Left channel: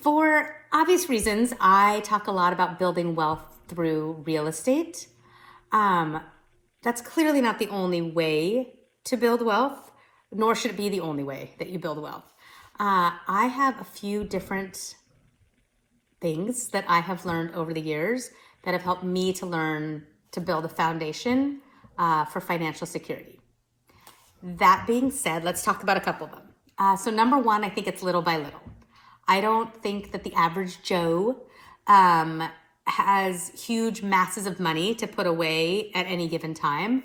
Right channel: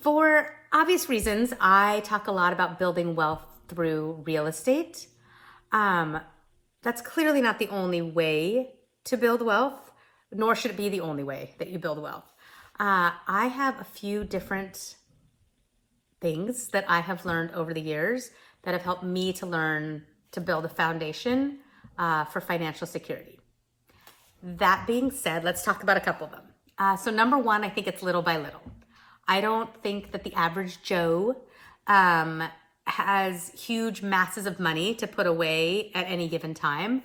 For obvious reasons, I talk a lot about building wealth through real estate. That's clearly not the only way to build wealth, nor should it be the only way that you build wealth. I have a few different things that I have learned over the years that have helped me to learn to build a foundation for financial security. That being said, let's talk about a couple of them. So number one, I think it's little by little. I don't think that the average Joe has huge masses of money to put away at any given time.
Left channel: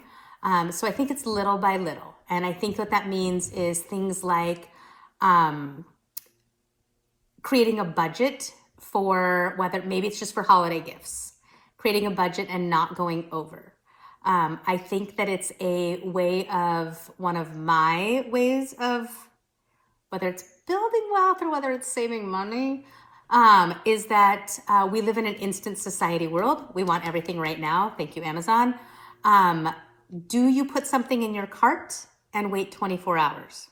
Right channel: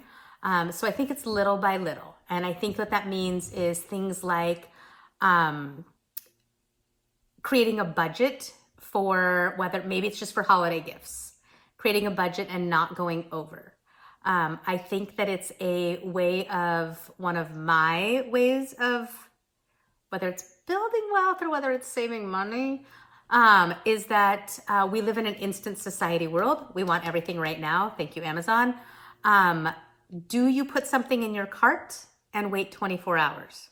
So I think it's little by little. And I think what that means is things like creating a budget for whether maybe it's just for holiday gifts, creating a budget and not going over. I think that it's a way of one of my ways of whether it's building wealth or whether it's saving money, is that we live in an instant society world. We want everything right now. Thank you, Amazon. Do you put something in your cart and wait 24 hours?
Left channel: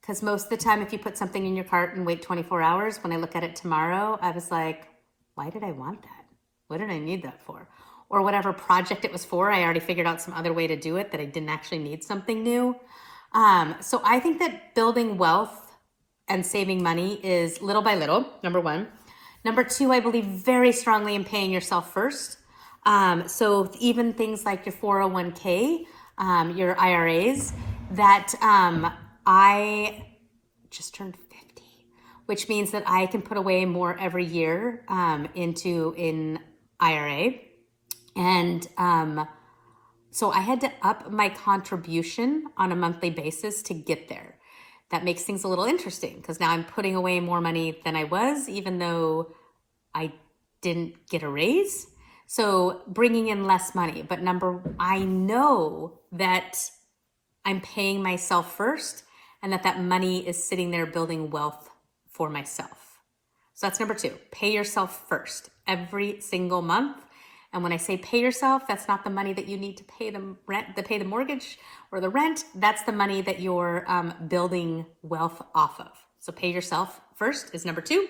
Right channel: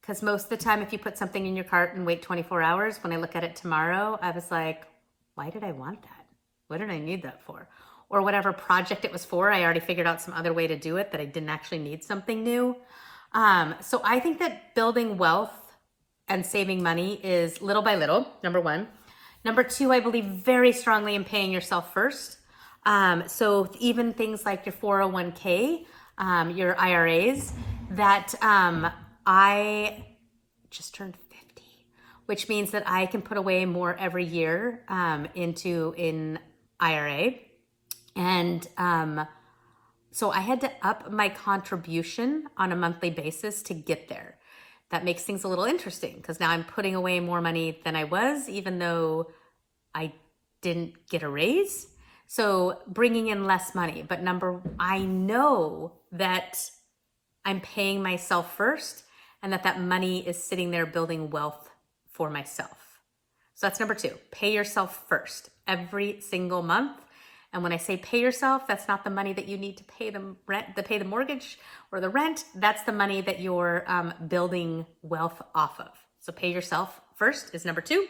Because most of the time, if you put something in your cart and wait 24 hours, when I look at it tomorrow, I was like, why did I want that? What did I need that for? Or whatever project it was for, I already figured out some other way to do it that I didn't actually need something new. So I think that building wealth and saving money is little by little, number one. Number two, I believe very strongly in paying yourself first. So even things like your 401k, your IRAs, that I just turned 50, which means that I can put away more every year into an IRA. And so I had to up my contribution on a monthly basis to get there. That makes things a little interesting because now I'm putting away more money than I was, even though I didn't get a raise. So bringing in less money. But I know that I'm paying myself first and that money is sitting there building wealth for myself. So that's number two, pay yourself first every single month. And when I say pay yourself, that's not the money that you need to pay the rent, to pay the mortgage or the rent. That's the money that you're building wealth off of. So pay yourself first is number two.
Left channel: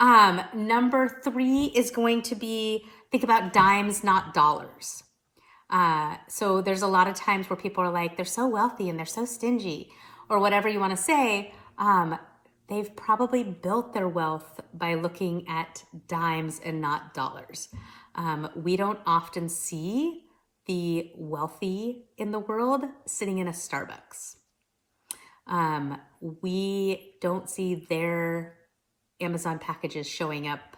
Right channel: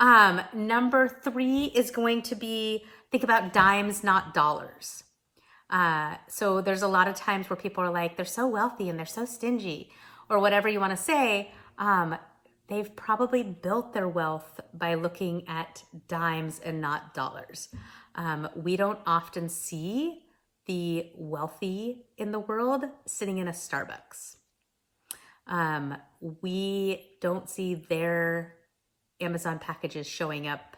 Number three is going to be think about dimes, not dollars. So there's a lot of times where people are like, they're so wealthy and they're so stingy or whatever you want to say. They've probably built their wealth by looking at dimes and not dollars. We don't often see the wealthy in the world sitting in a Starbucks. We don't see their Amazon packages showing up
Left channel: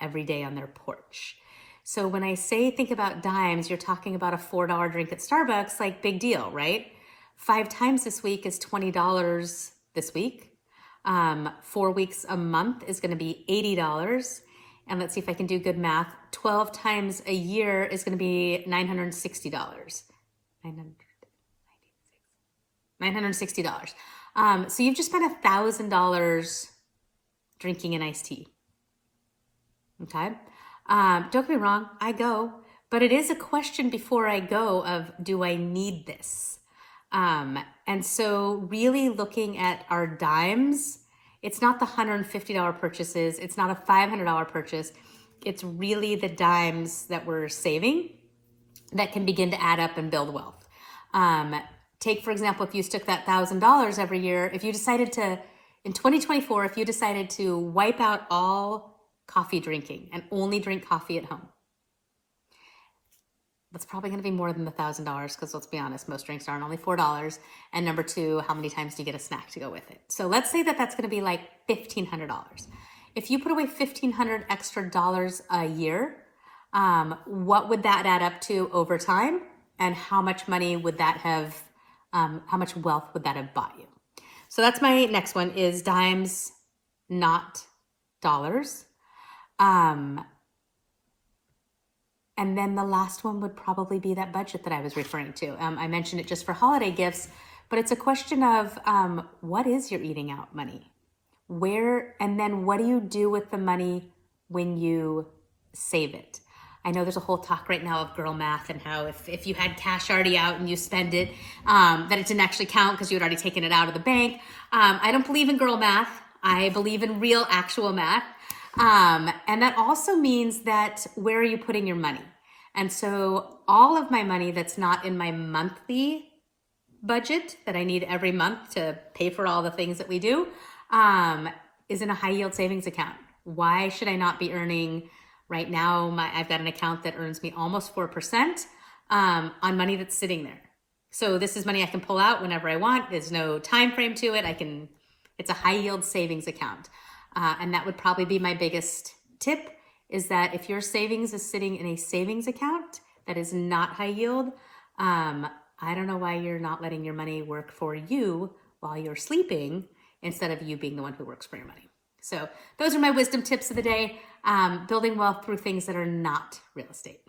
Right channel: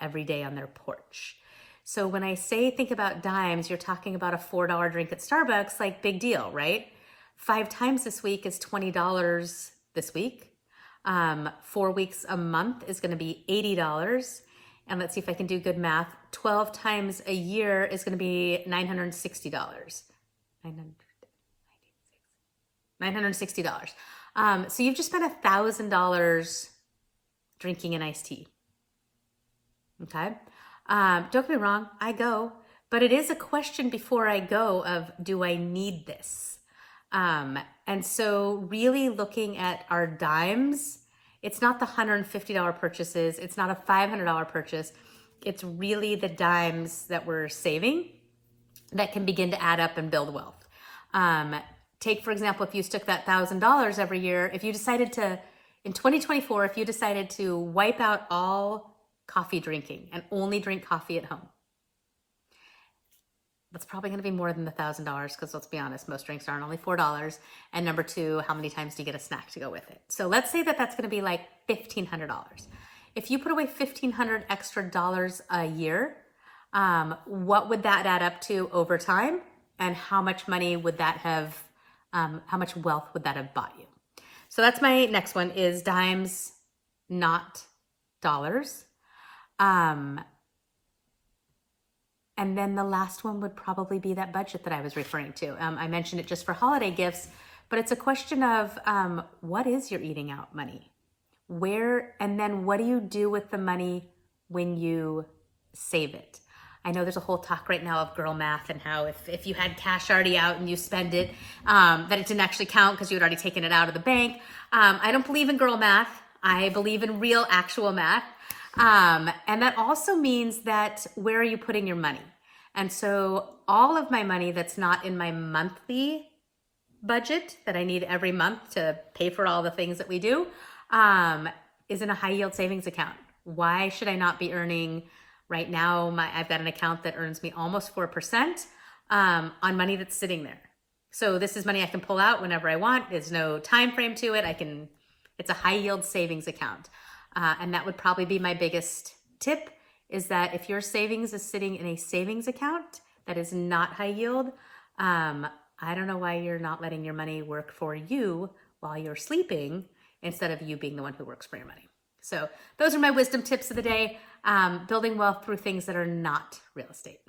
every day on their porch. So when I say think about dimes, you're talking about a $4 drink at Starbucks, like big deal, right? 5 times this week is $20 this week. 4 weeks a month is going to be $80. And let's see if I can do good math. 12 times a year is going to be $960. $960. So you've just spent $1,000 drinking an iced tea. Okay. Don't get me wrong, I go, but it is a question before I go of, do I need this? And so really looking at our dimes, it's not the $150 purchases. It's not a $500 purchase. It's really the dimes that we're saving that can begin to add up and build wealth. Take, for example, if you took that $1,000 every year, if you decided to, in 2024, if you decided to wipe out all coffee drinking and only drink coffee at home, that's probably going to be more than the $1,000 because let's be honest, most drinks aren't only $4. And number two, how many times do you get a snack to go with it? So let's say that that's going to be like $1,500. If you put away $1,500 extra dollars a year, what would that add up to over time? And how much money would that have, how much wealth would that have bought you? So that's my next one is dimes, not dollars. And then the last one would probably be that budget that I was referring to. I mentioned it just for holiday gifts, but it's a question of what is your eating out money? Where, and then what do you do with the money when you save it? I know there's a whole talk right now of girl math and how if you had cash already out and you spend it, that it didn't actually count because you had already taken it out of the bank. I don't believe in girl math. I believe in real, actual math. And that also means that where are you putting your money? And so all of my money that's not in my monthly budget that I need every month to pay for all the things that we do is in a high yield savings account. Why should I not be earning right now? I've got an account that earns me almost 4% on money that's sitting there. So this is money I can pull out whenever I want. There's no time frame to it. It's a high yield savings account. And that would probably be my biggest tip, is that if your savings is sitting in a savings account that is not high yield, I don't know why you're not letting your money work for you while you're sleeping instead of you being the one who works for your money. So those are my wisdom tips of the day, building wealth through things that are not real estate.